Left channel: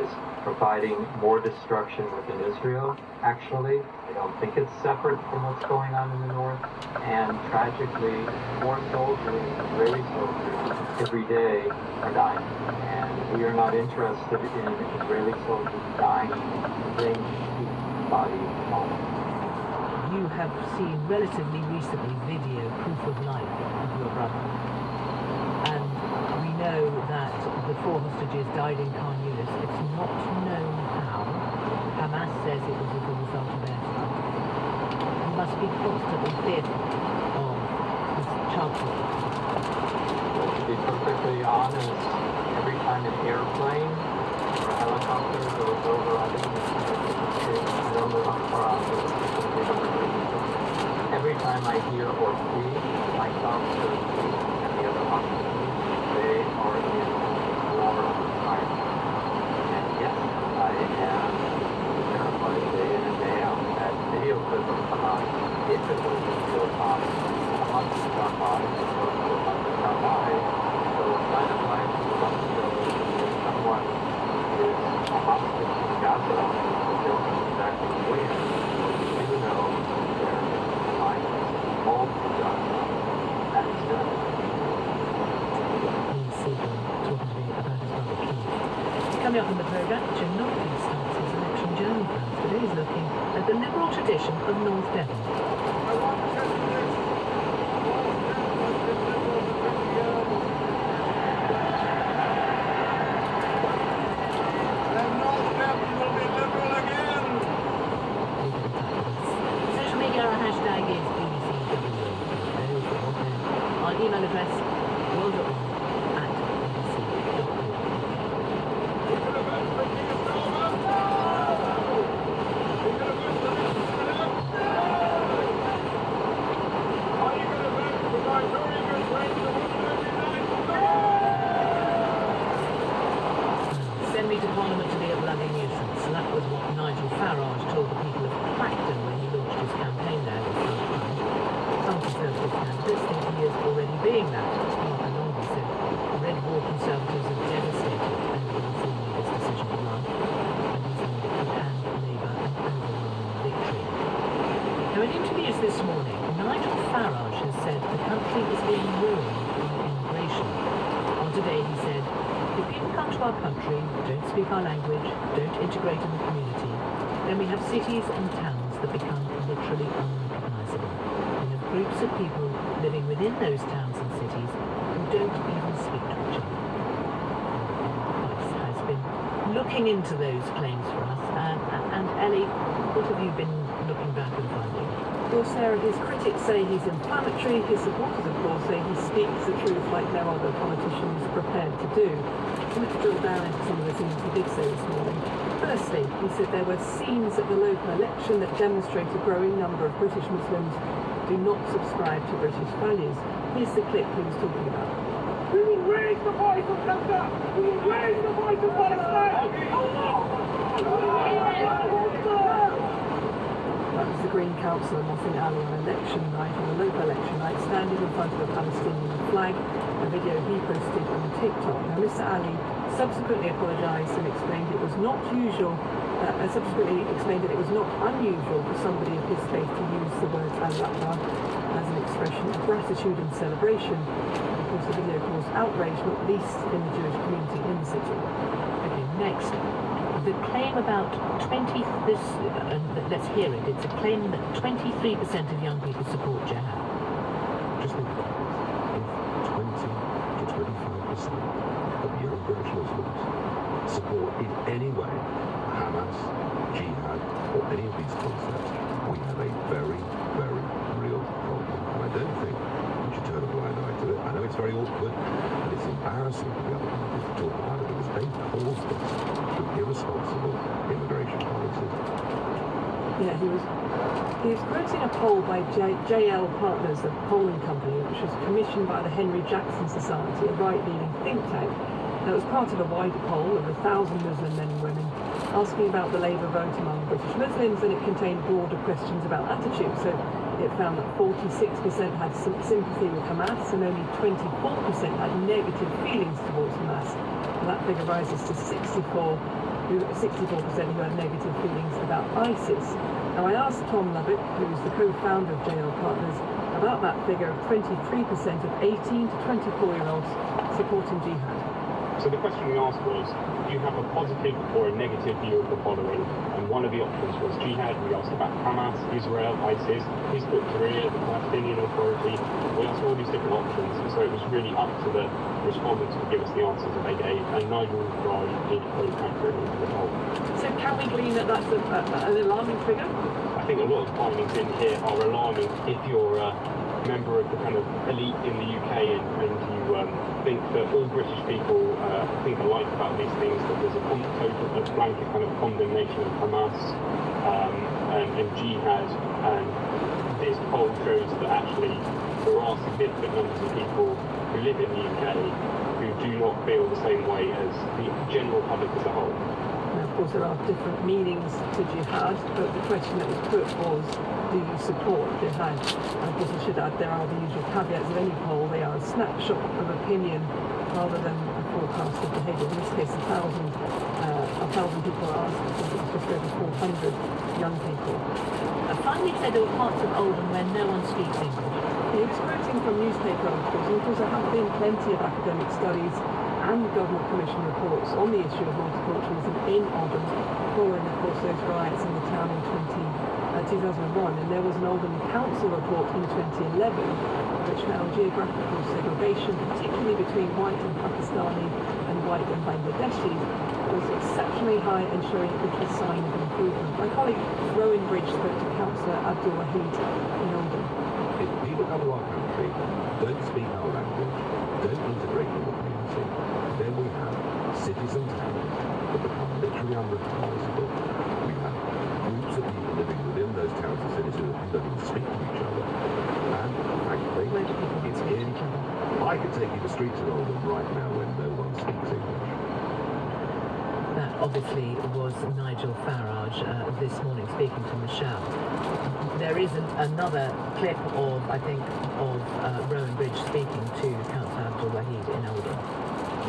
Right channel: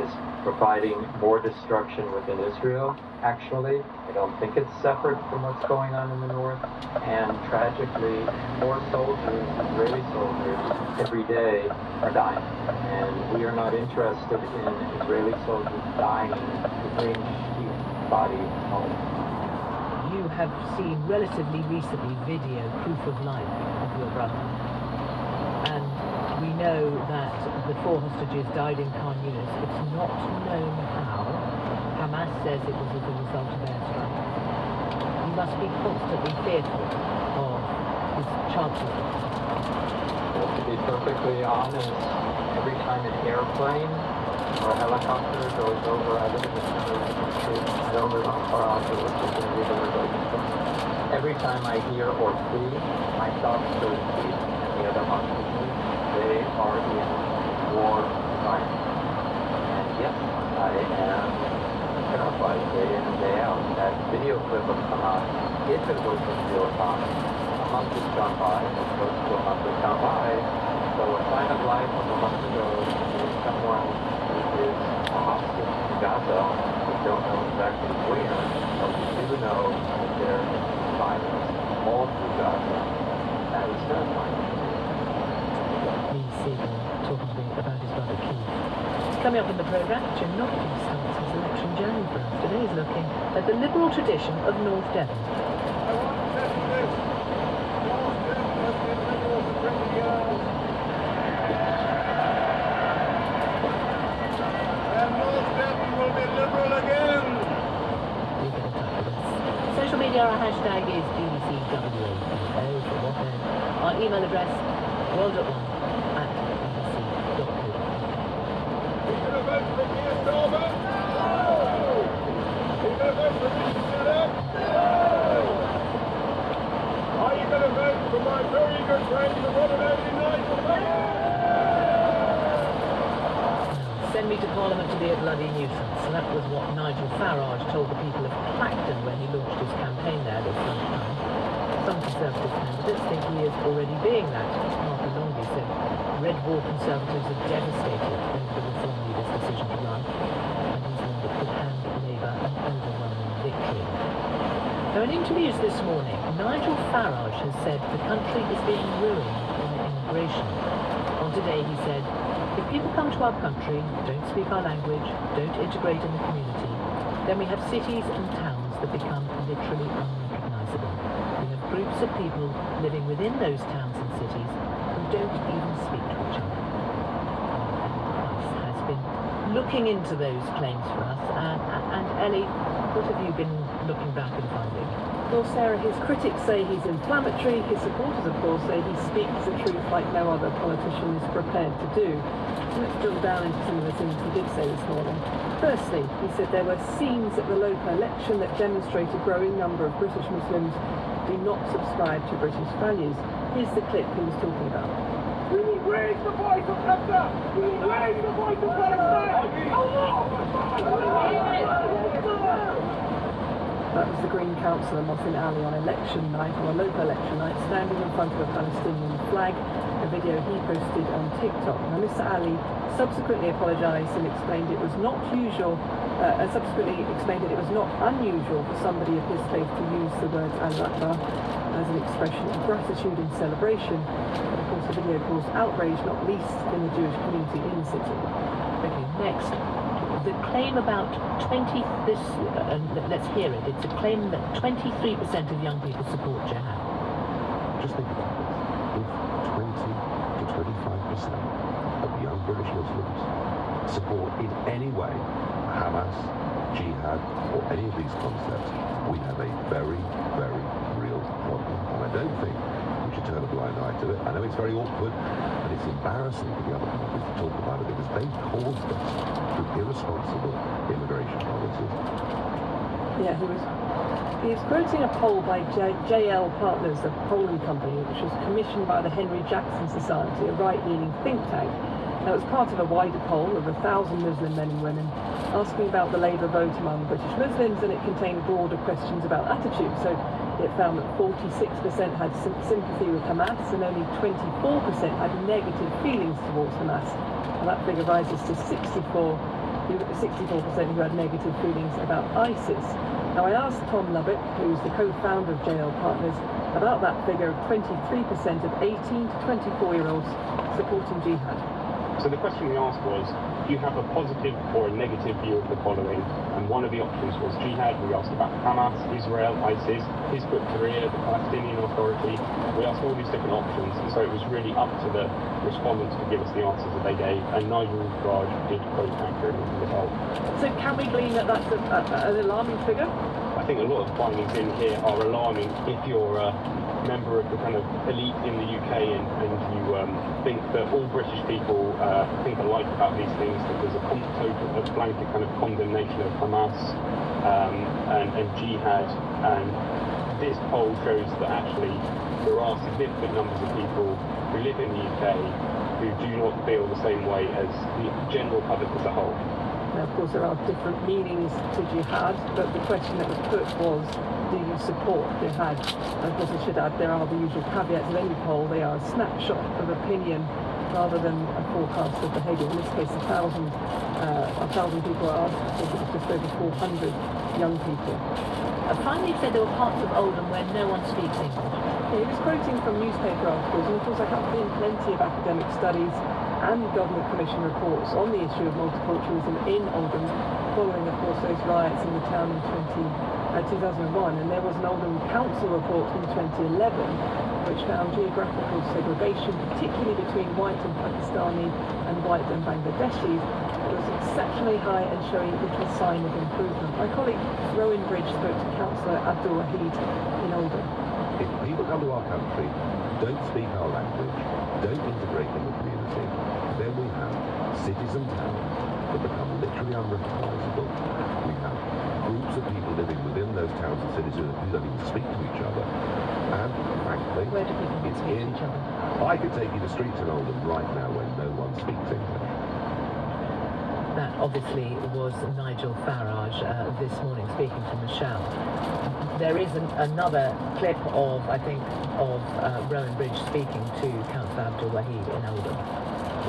is providing more destruction within Israel, actually. I don't think it's separate from what's going on in the north. And tragically, more soldiers, Israeli soldiers, every day are dying. And we are not interested in Israeli soldiers dying to bring body home. You have seen relatively recently video proof of life of your brother. And we know that the 4 hostages died in Khan Yunis. It's not known how. Hamas says it was as a result of airstrikes. You must be constantly fearful of his childhood. To be perfectly honest, every time an airplane or a helicopter goes over, I think every time I hear or see my thoughts to the other hostages, they are in war crime. And yes, I am terrified day in and day out. That video clip will come out. If it was in real time, a month has gone by, it's close to a month has gone by. So a sign of life a month ago is someone who is a hostage in Gaza. We don't know exactly where, but we do know that there is violence all through Gaza. That is good. Lee Siegel talking to me about his brother Keith. Coming up on the programme, Jim Knockley starts his election journey for us. Today is looking at the liberal tradition of North Devon. Social media, our hashtag is BBCWAO. Our email address, world@1.bbc.co.uk. Send me to Parliament to be a bloody nuisance. And that was what Nigel Farage told the people of Clacton when he launched his campaign there this lunchtime. Some Conservative candidates think he is already being that. Mark Anongi said Red Wall Conservatives are devastated over the Reform leader's decision to run, and he said it could hand Labour an overwhelming victory. Now, in interviews this morning, Nigel Farage has said the country is being ruined by immigration. On Today, he said, if people come to our country, don't speak our language, don't integrate in the community, then we have cities and towns that become literally unrecognisable. We have groups of people living within those towns and cities who don't even speak to each other. Price has been looking into those claims for us, and Ellie, what have you been looking back and finding? Well, Sarah, his critics say he's inflammatory. His supporters, of course, say he speaks the truth like no other politician is prepared to do. We could drill down into some of the things he did say this morning. Firstly, he said there were scenes at the local election that demonstrate a growing number of British Muslims do not subscribe to British values. Here's the clip he was talking about. We will raise the voice of Gaza! We will raise the voice of Palestine! That was the Green councillor Mohsin Ali on election night, on a local election night, standing in front of a Palestinian flag, a video he posted on TikTok. Now, Mr. Ali subsequently apologised and explained it was not usual, that it was not unusual for somebody of his faith to use the word Al-Akbar as an expression of gratitude and celebration. And of course, the video caused outrage, not least in the Jewish community in the city. Okay, next. The claim about let's hear it. It's a claim that 23% of young people support jihad. Just think about this. If 20 to 25% of young British Muslims support in any way Hamas, jihad, or any of these concepts, we have a very, very real problem. And I don't think we should turn a blind eye to it. I know it's very awkward and it's embarrassing for the other parties to talk about it because they caused this with irresponsible immigration policies. Yeah, he was quoting a poll by JL Partners, a polling company, which was commissioned by the Henry Jackson Society, a right-leaning think tank. Now, it was part of a wider poll of 1,000 Muslim men and women asking about the Labour vote among British Muslims, and it contained broader questions about attitude. So it found that 46% had sympathy with Hamas and only 24% had negative feelings towards Hamas. And that figure rises to 64% 64% who had negative feelings about ISIS. Now I asked Tom Lubbock, who's the co-founder of JL Partners, about that figure of 23% of 18 to 24-year-olds supporting jihad. So the question we asked was, do you have a positive or a negative view of the following? And one of the options was jihad. We asked about Hamas, Israel, ISIS, Hizb ut-Tahrir, the Palestinian Authority. We asked all these different options, and so it was really up to the respondents to give us the answers that they gave, and Nigel Farage did vote accurately as a result. So can we glean that that's an alarming figure? I think a lot of findings in here are alarming if you're a member of the kind of elite in the UK and you think that all British people think alike about these things, that there's a total blanket kind of condemnation of Hamas and jihad, and this poll shows that actually there are significant numbers of people who live in the UK who do not feel the same way as the general public as a whole. Now, of course, there are different meanings to jihad, but the question that was put was, do you support jihad? And of course, I should add, there are the usual caveats of any poll. They are a snapshot of opinion rather than a forecast of behaviour. In this case, 1,000 people are asked, I think it's just over 400 young people. Finally said there were parts of Oldham where no one speaks English. He was quoting from newspaper articles, and of course there have been plenty of academic studies and government commission reports on the issue of multiculturalism in Oldham, following of course those riots in the town in 2001, and there was an Oldham Council report in 2011 which found geographical segregation, particularly between white and Pakistani and white and Bangladeshi, was exceptionally high and showing little sign of improvement. My colleague Rowan Bridge spoke to Councillor Abdul Wahid in Oldham. If people come to our country, don't speak our language, don't integrate in the community, then we have cities and towns that become literally unrecognisable. We have groups of people living within those towns and cities who don't even speak to each other. And frankly, Where do people it's speak to in. each other? I could take you to streets in Oldham right now when no one speaks English. That obviously was Nigel Farage this morning speaking to Michelle. There is another clip of, I think, of Rowan Bridge speaking to Councillor Abdul Wahid in Oldham.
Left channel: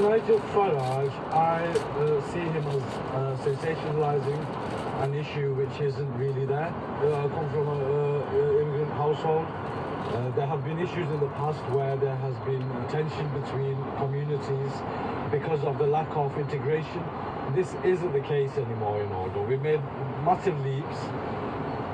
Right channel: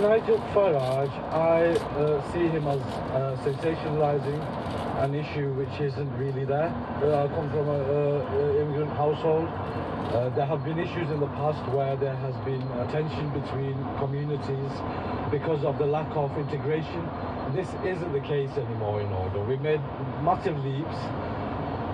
Nigel Farage, I see him as sensationalising an issue which isn't really there. I come from an immigrant household. There have been issues in the past where there has been tension between communities because of the lack of integration. This isn't the case anymore in Oldham. We've made massive leaps.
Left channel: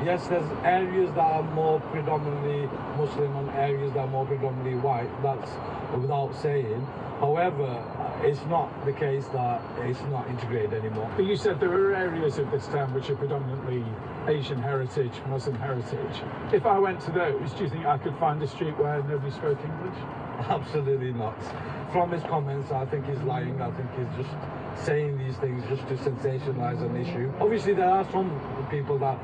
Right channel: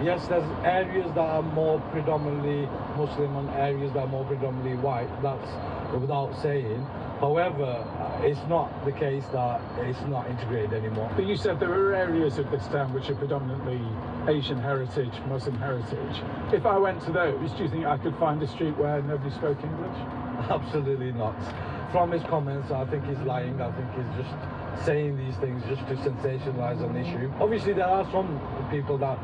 Yes, there's areas that are more predominantly Muslim and areas that are more predominantly white. That's without saying. However, it's not the case that it's not integrated anymore. But you said there are areas of this town which are predominantly Asian heritage, Muslim heritage. If I went to those, do you think I could find a street where nobody spoke English? Absolutely not. From his comments, I think he's lying. I think he's just saying these things just to sensationalize an issue. Obviously, there are some people that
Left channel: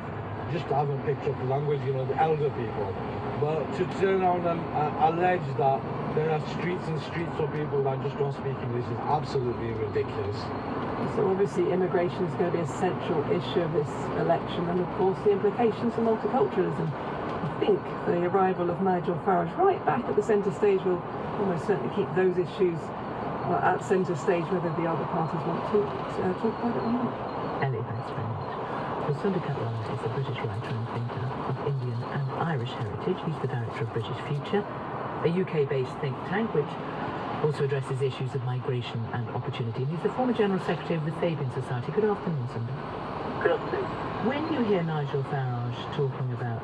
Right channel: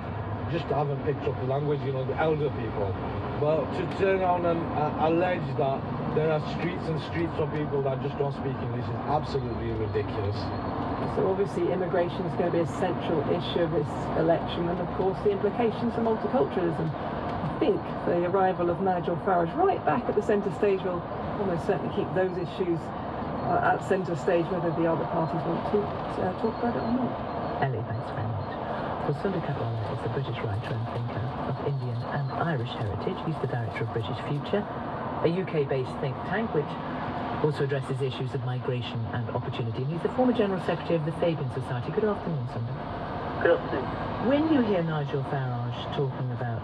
just haven't picked up the language, you know, the elder people. But to turn around and allege that there are streets and streets of people that just don't speak English is absolutely ridiculous. So obviously immigration is going to be a central issue of this election, and of course the implications for multiculturalism. I think the arrival of Nigel Farage right back at the centre stage will almost certainly keep those issues at centre stage, whether the other parties want to talk about it or not. Ellie, thanks very much. Well, Sundar Kaplan is a British writer and thinker of Indian and Irish heritage. He's the director of British Future, a UK-based think tank which also addresses issues of migration and opportunity. And he's the former General Secretary of the Fabian Society. Good afternoon, Sundar. Good afternoon. When you hear Nigel Farage talking about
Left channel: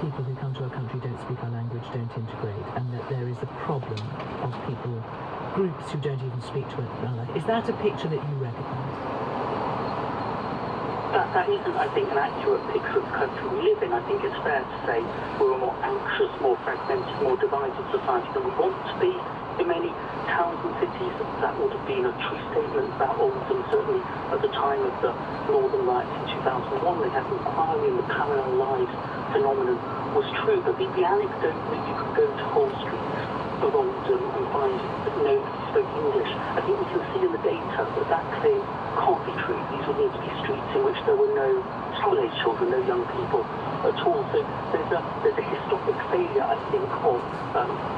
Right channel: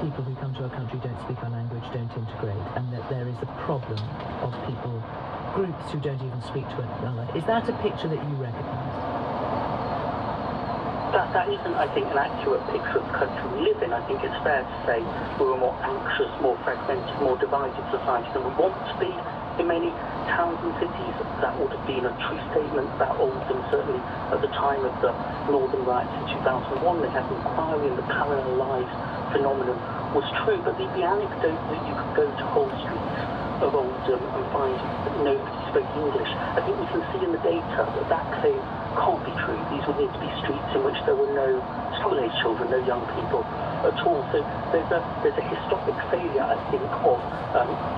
people who come to our country don't speak our language, don't integrate, and that there is a problem of people, groups who don't even speak to one another, is that a picture that you recognise? That isn't, I think, an accurate picture of the country we live in. I think it's fair to say we're a more anxious, more fragmented, more divided society than we want to be. In many towns and cities, that would have been a true statement about Oldham. Certainly at the time of the Northern Riots in 2001, they had an inquiry and the parallel lives phenomenon was true. But the anecdote that you could go to Hall Street of Oldham and find that nobody spoke English, I think we can see in the data that claim can't be true. These would need to be streets in which there were no school-age children, no young people at all. So there's a historic failure, I think, of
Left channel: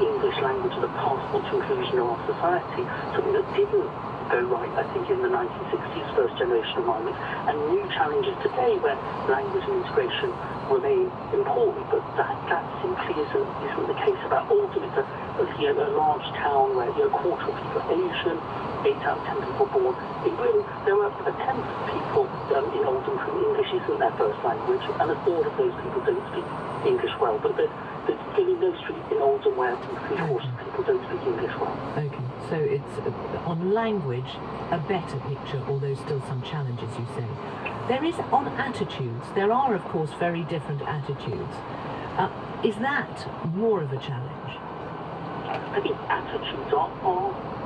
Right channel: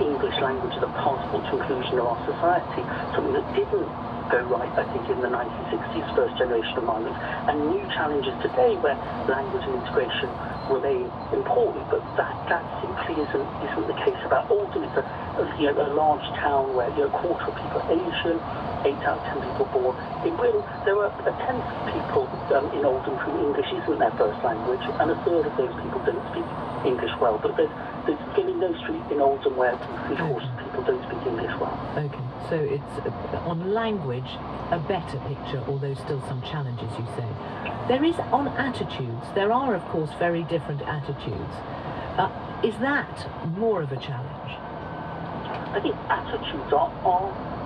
English language as a passport to inclusion in our society, something that didn't go right, I think, in the 1960s, first generation of miners, and new challenges today where language and integration remain important, but that simply isn't the case about Oldham. It's a large town where a quarter of people are Asian, 8 out of 10 people born in Britain. There are a tenth of people in Oldham who English isn't their first language, and a third of those people don't speak English well. But there's really no street in Oldham where 3/4 of people don't speak English well. Okay, so it's on language a better picture, although still some challenges, you say. There is on attitudes. There are, of course, very different attitudes. Is that more of a challenge? I think attitudes are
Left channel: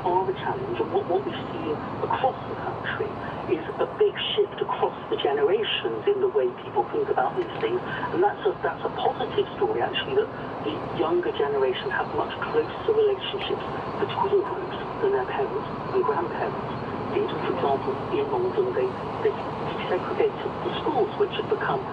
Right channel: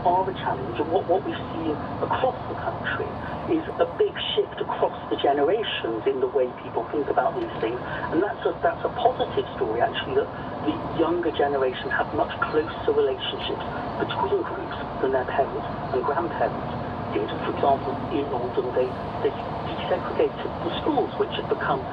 a challenge, and what we see across the country is a big shift across the generations in the way people think about these things, and that's a positive story actually, that the younger generation have much closer relationships between groups than their parents and grandparents. For example, in Oldham, they segregated the schools, which had become,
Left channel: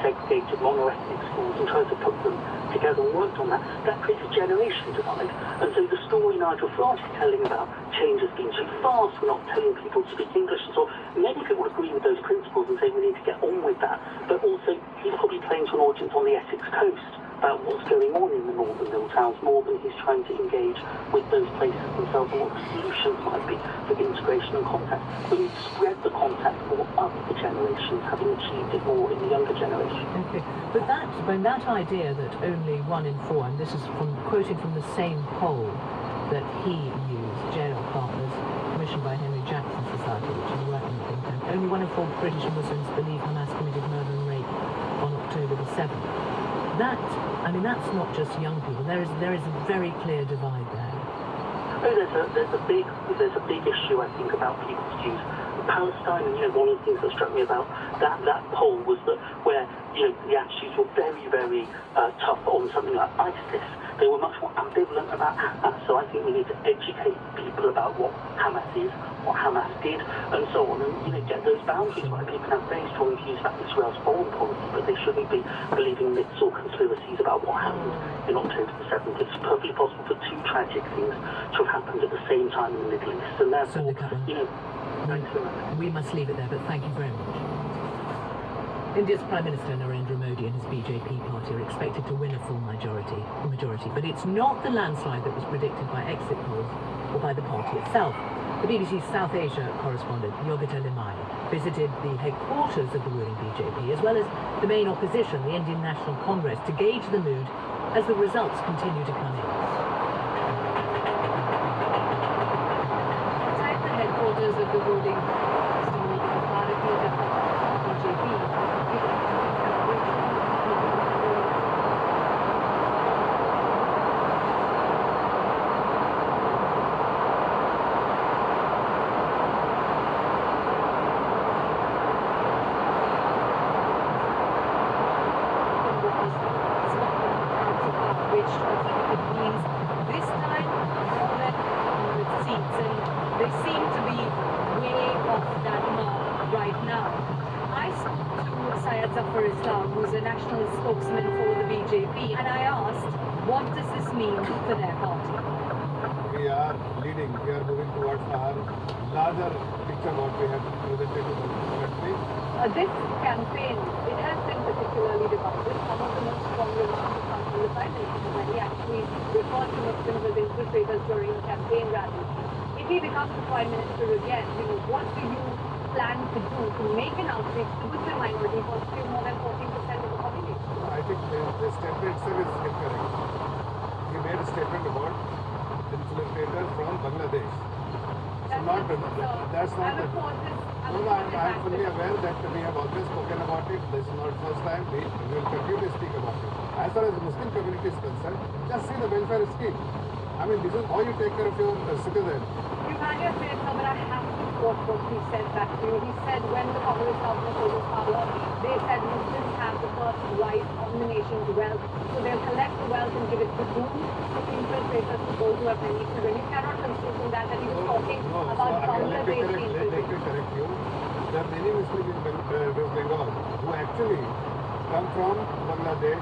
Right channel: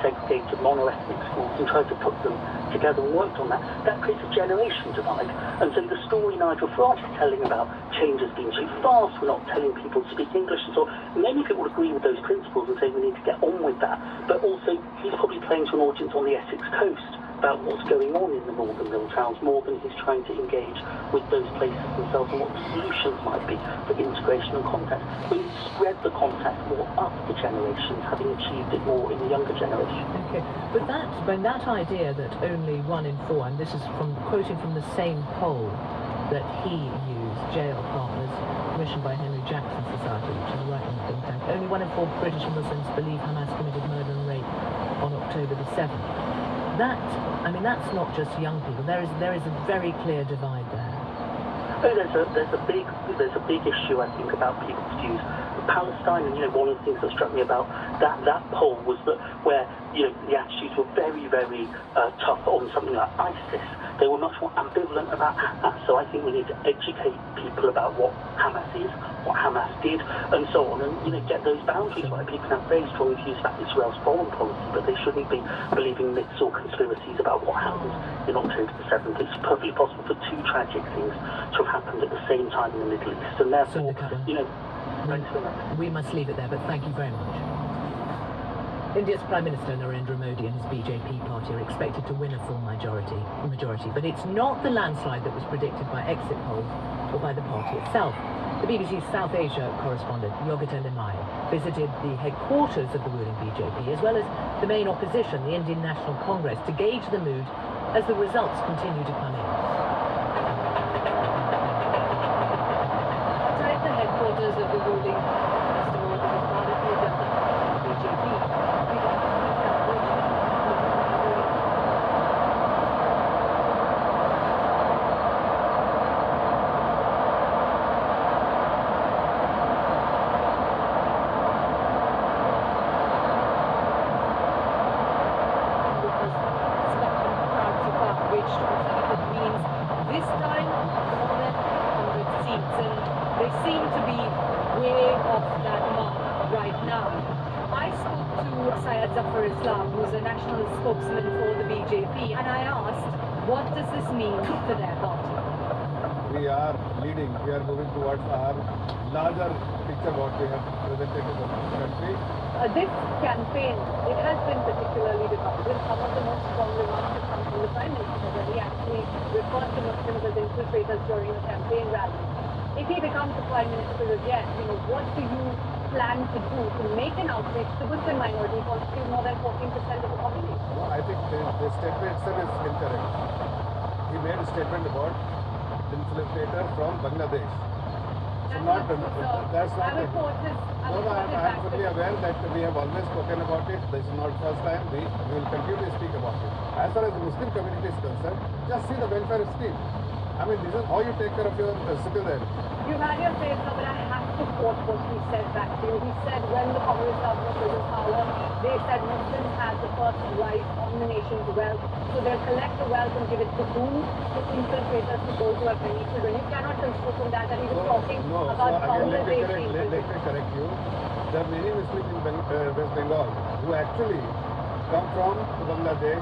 segregated mono-ethnic schools, and tried to put them together and worked on that. That creates a generation divide. And so the story Nigel Farage is telling about change has been too fast, we're not telling people to speak English, and so many people would agree with those principles and say we need to get on with that. But also, he's probably playing to an audience on the Essex coast about what's going on in the northern mill towns more than he's trying to engage with those places themselves and what the solutions might be for integration and contact. We need to spread the contact more up the generations, having achieved it more in the younger generation. Okay, but that idea that only 1 in 4, and this is quoting from the same poll that he used, Jail Partners, commissioned by Henry Jackson Society, which is a right-wing think tank, only 1 in 4 British Muslims believe Hamas committed murder and rape on October the 7th. That's not just young people. There is a very clear divide there. Oh, there's a big issue, I think, about people's views. Palestine, one of the things that struck me about that poll was that where the attitudes were very, very tough on something like ISIS, they were much more ambivalent about Hamas. So I think we need to educate people about what Hamas is, what Hamas did, and so on, and get those boundaries right. People have very strong views about Israel's foreign policy, but they shouldn't be believing myths or conspiracies about what happened in October the 7th. It's perfectly possible for 2 tragic things to have happened at the same time in the Middle East, and therefore, we must leave it there, but thank you very much. India's Prime Minister Narendra Modi and his BJP party are expected to win a full majority, but it's not the landslide that was predicted by exit polls or by the party itself. The BBC's South Asia correspondent Yogita Limaye visited the headquarters of the ruling BJP as well as the main opposition, the Indian National Congress, to gauge the mood as the results continue to come in. At the headquarters of the ruling BJP, who's a national spokesman for the BJP, and I asked, what does this mean for their party? We are leading, we are moving towards our larger picture what we have presented to the country. This campaign, it has been particularly divided. Some of the most strong remarks have come from the Prime Minister that he actually referred to Muslims as infiltrators during a campaign rally. If he becomes the Prime Minister again, what do you plan to do to make an outreach to Muslim minority constitute more than 14% of the population? I think the statement itself is incorrect. He made a statement about infiltrator from Bangladesh. That's not I'm fully aware that we have always spoken about it. This is not the first time. We will continue to speak about it. As far as the Muslim community is concerned, just see the welfare scheme. This is how you take care of your citizens. Emmanuel said, I have to quote what he said back to you. He said when the Congress government was in power, they said Muslims have the first right on the nation's wealth, so they'll collect the wealth and give it to whom? To infiltrators, to those who have many children. You cannot conclude from that he was talking about Bangladesh. Let me correct you. There are many Muslims in West Bengal who actually come from Bangladesh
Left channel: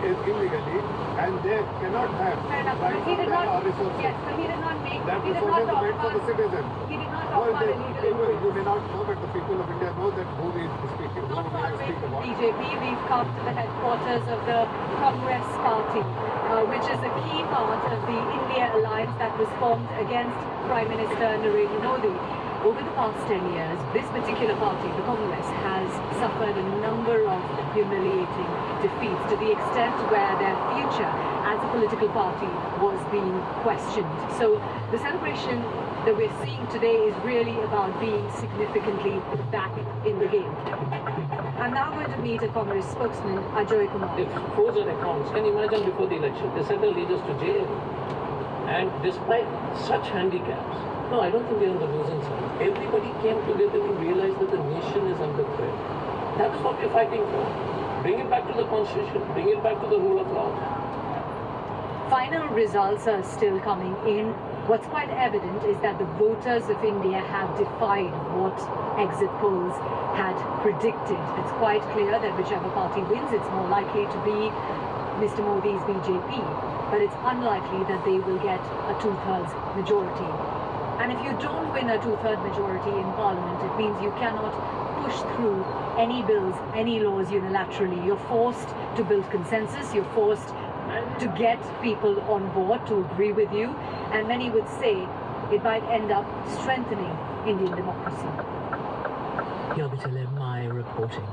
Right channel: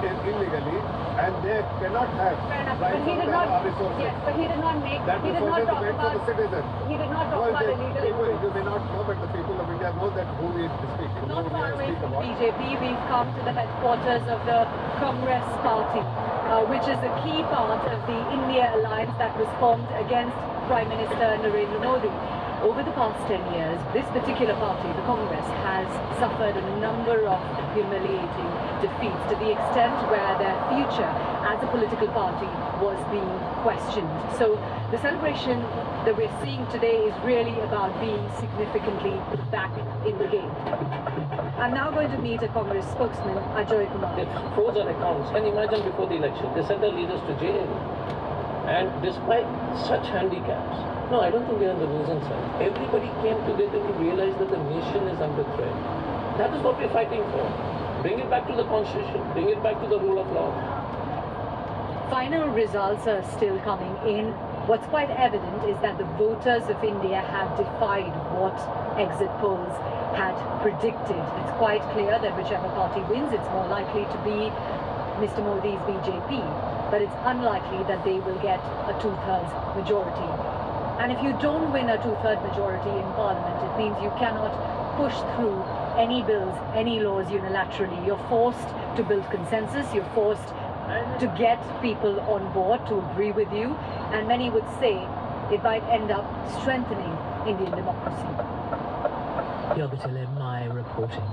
illegally, and they cannot have Fair enough, but right he from did the not. resources. Yes, but he did not make. That he did resources not talk meant to the about. citizen. He did not No, talk about they, illegal people, immigrants. you may not know, but the people of India know that who he is speaking. Not who far he away speak from about. BJP, we've come to the headquarters of the Congress Party, which is a key part of the India alliance that was formed against Prime Minister Narendra Modi. Over the past 10 years, this particular party, the Congress, has suffered a number of humiliating defeats to the extent where their future as a political party was being questioned. So the celebration that we're seeing today is really about being significantly back in the game. I'm now going to meet a Congress spokesman, Ajoy Kumar. If foes are accounts, can you imagine before the election, they sent their leaders to jail. And despite such handicaps, no, I don't think they're on the losing side. Everybody came together to realize that the nation is under threat. That is what we're fighting for. Bring it back to the constitution, bring it back to the rule of law. Final results are still coming in. What's quite evident is that the voters of India have defied what exit polls had predicted. It's quite clear that whichever party wins, it's more likely to be Mr. Modi's BJP. But it's unlikely that they will get a two-thirds majority. And if you don't win a two-third majority in Parliament, it means you cannot push through any bills, any laws unilaterally. You're forced to build consensus. You're forced to get people on board to agree with you. And many would say it might end up strengthening Indian democracy. Yogita Lemai reporting.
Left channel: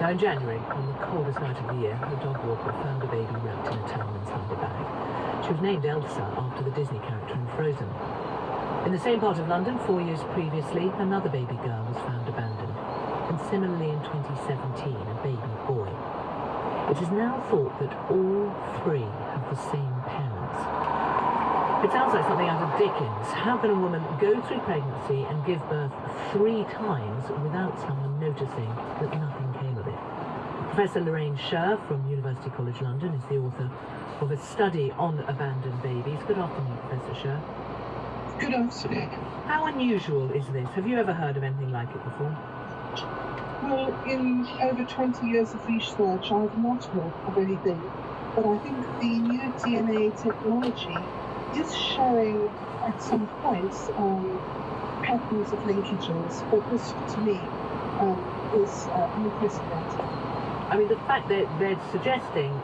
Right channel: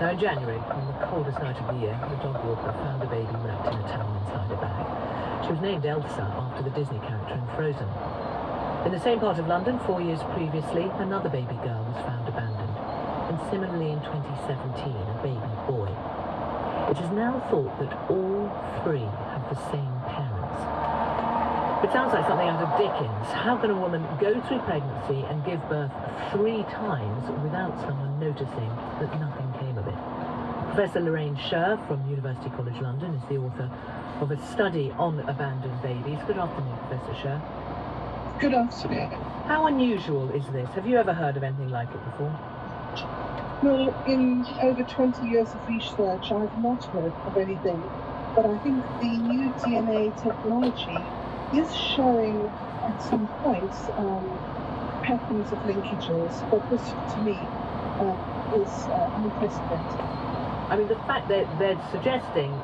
Now in January, on the coldest night of the year, the dog walker found a baby wrapped in a towel inside a bag. She was named Elsa after the Disney character in Frozen. In the same part of London, 4 years previously, another baby girl was found abandoned. And similarly in 2017, a baby boy. It is now thought that all three have the same parents. It sounds like something out of Dickens. How can a woman go through pregnancy and give birth 3 times without someone noticing that nothing came of it? Professor Lorraine Sher from University College London is the author of a study on abandoned babies. Good afternoon, Professor Sher. Good afternoon. How unusual is this? Have you ever heard of anything like it before? Well, in over 20 years of research, I've not heard of anything, but I think the new DNA technology is showing at some points patterns of linkages, but this, to me, is unprecedented. I mean, the fact that they're suggesting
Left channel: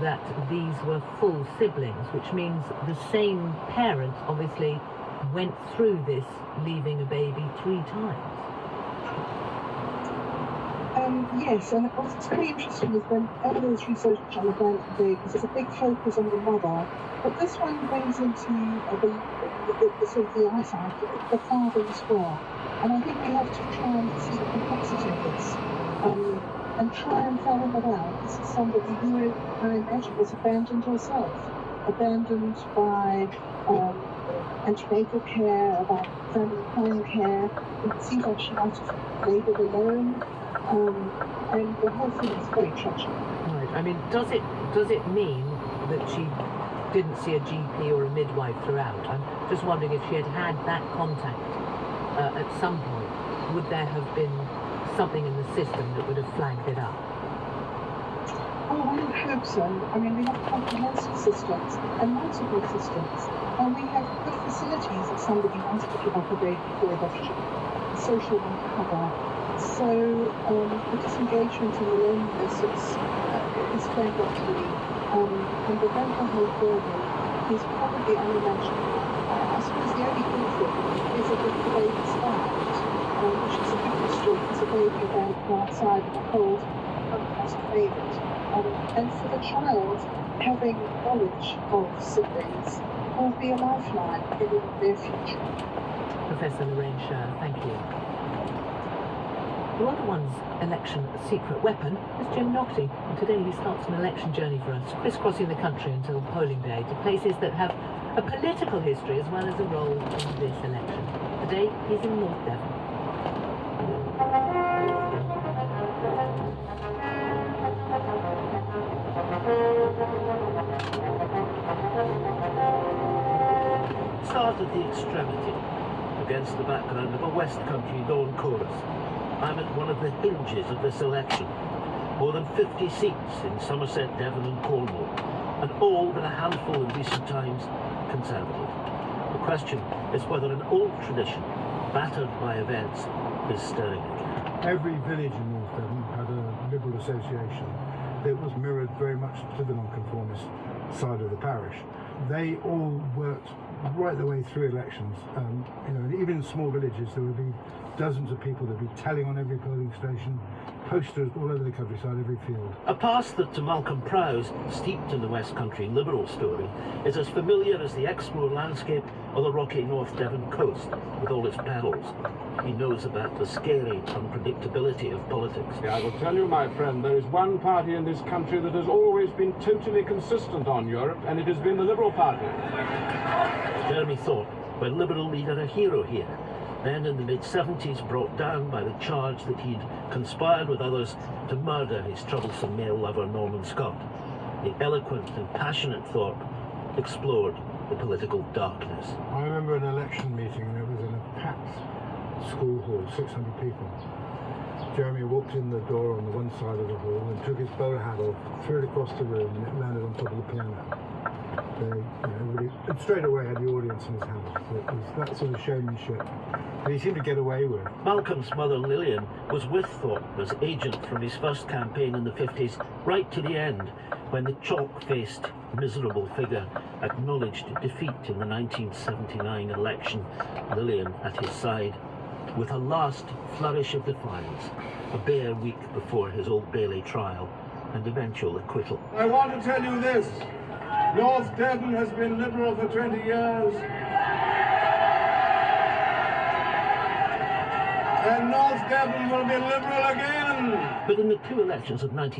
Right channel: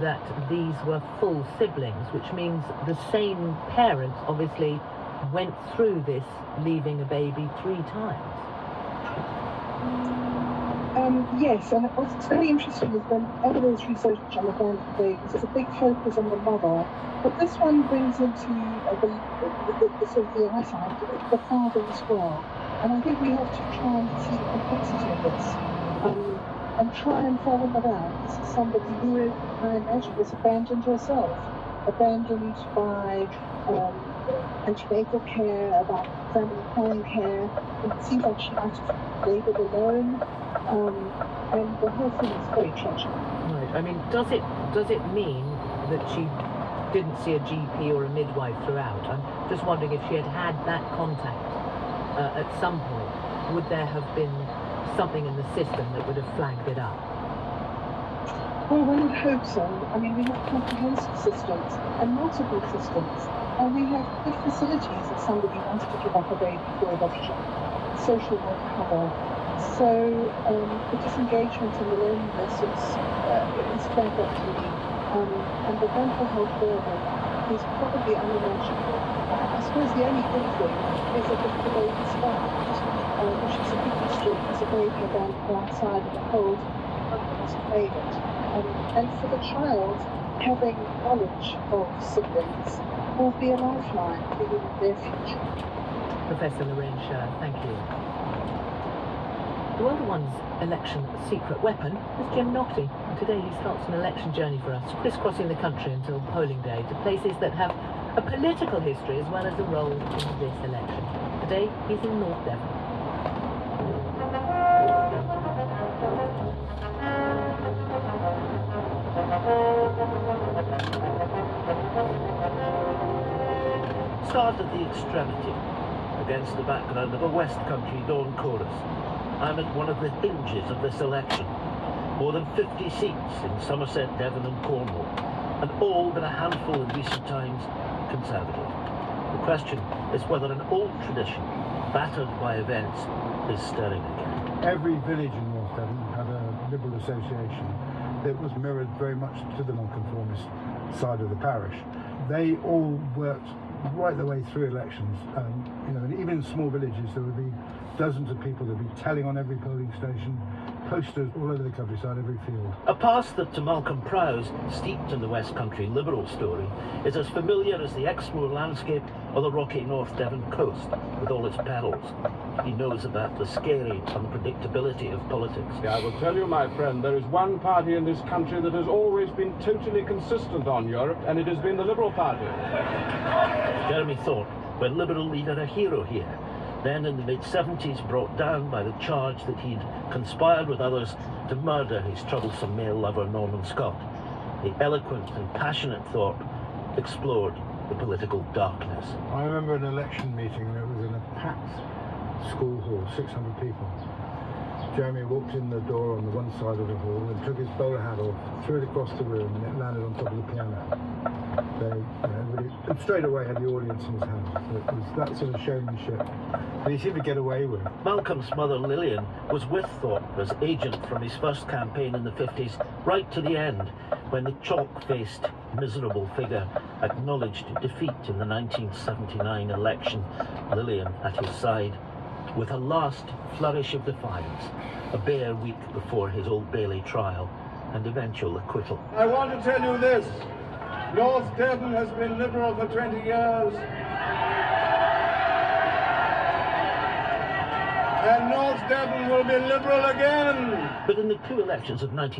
that these were full siblings, which means the same parent obviously went through this, leaving a baby 3 times. Yes, and what's very interesting is whenever there's research on abandoned babies, there's a big focus on the mother, but this one brings into the sort of the other side, the father as well. And I think we have to try and see the complexity of this, and try and fathom it out. This is somebody who, I imagine, was abandoned herself, abandoned by antenatal care, about family planning care. It seems like she might have laboured alone. And the whole thing is very tragic. Right. I mean, does it mean that she didn't see a GP or a midwife throughout? I'm just wondering if she had had that contact at some point, would there have been something in the system that would have flagged it up? Well, one would hope so. I mean, we have comprehensive systems and multiple systems, and we have good facilities if somebody wanted to give up a baby for adoption, social work cover. So the disengagement and the loneliness is flagged up to me, and the mental health burden is probably unimaginable. I suppose the only good thing is that the baby's found, which is a big question, as a baby abandoned outside in the cold, must have made it. And for the child, having knowledge of siblings will be a lifeline in their future. Professor Lorraine Sher, thank you. The World One's election secret weapon is Jim Naughtie, and today he starts an election journey for us, crisscrossing the country until polling day to places that have a political history as well as a role in this election. Today he's in North Devon. Start at the extremity, against the background of a West Country dawn chorus. I'm at one of the hinges of this election. more than 50 seats in Somerset, Devon and Cornwall, and all but a handful in recent times Conservative. The question is whether an old tradition, battered by events, is stirring again. Every village in North Devon had a Liberal association that was mirrored very much to the nonconformist side of the parish. They all worked right the way through elections. And even in small villages, there would be dozens of people that would be telling on every polling station, posters all over the countryside, every field. A past that to Malcolm Prowse, steeped in the West Country Liberal story, is as familiar as the Exmoor landscape or the rocky North Devon coast, with all its perils. He knows about the scary unpredictability of politics. I will tell you, my friend, there is one party in this country that has always been totally consistent on Europe, and it has been the Liberal Party. Jeremy Thorpe, where Liberal leader a hero here, then in the mid-70s brought down by the charge that he'd conspired with others to murder his troublesome male lover Norman Scott. The eloquent and passionate Thorpe explored the political darkness. I remember an election meeting that was in a packed school hall, 600 people. Jeremy walked in the door on the one side of the hall and took his bowler hat off, threw it across the room, and it landed on top of the piano. Everybody straight away had the audience in his hand. It was that sort of showmanship that he seemed to get away with. Malcolm's mother Lillian was with Thorpe as agent from his first campaign in the 50s right to the end, when the chalk-faced, miserable figure acknowledged defeat in the 1979 election, Lillian at his side, with a last flourish of defiance, a bare week before his Old Bailey trial and eventual acquittal. I want to tell you this. North Devon has been Liberal for 20 years. And North Devon will be Liberal again. But in the two elections of 19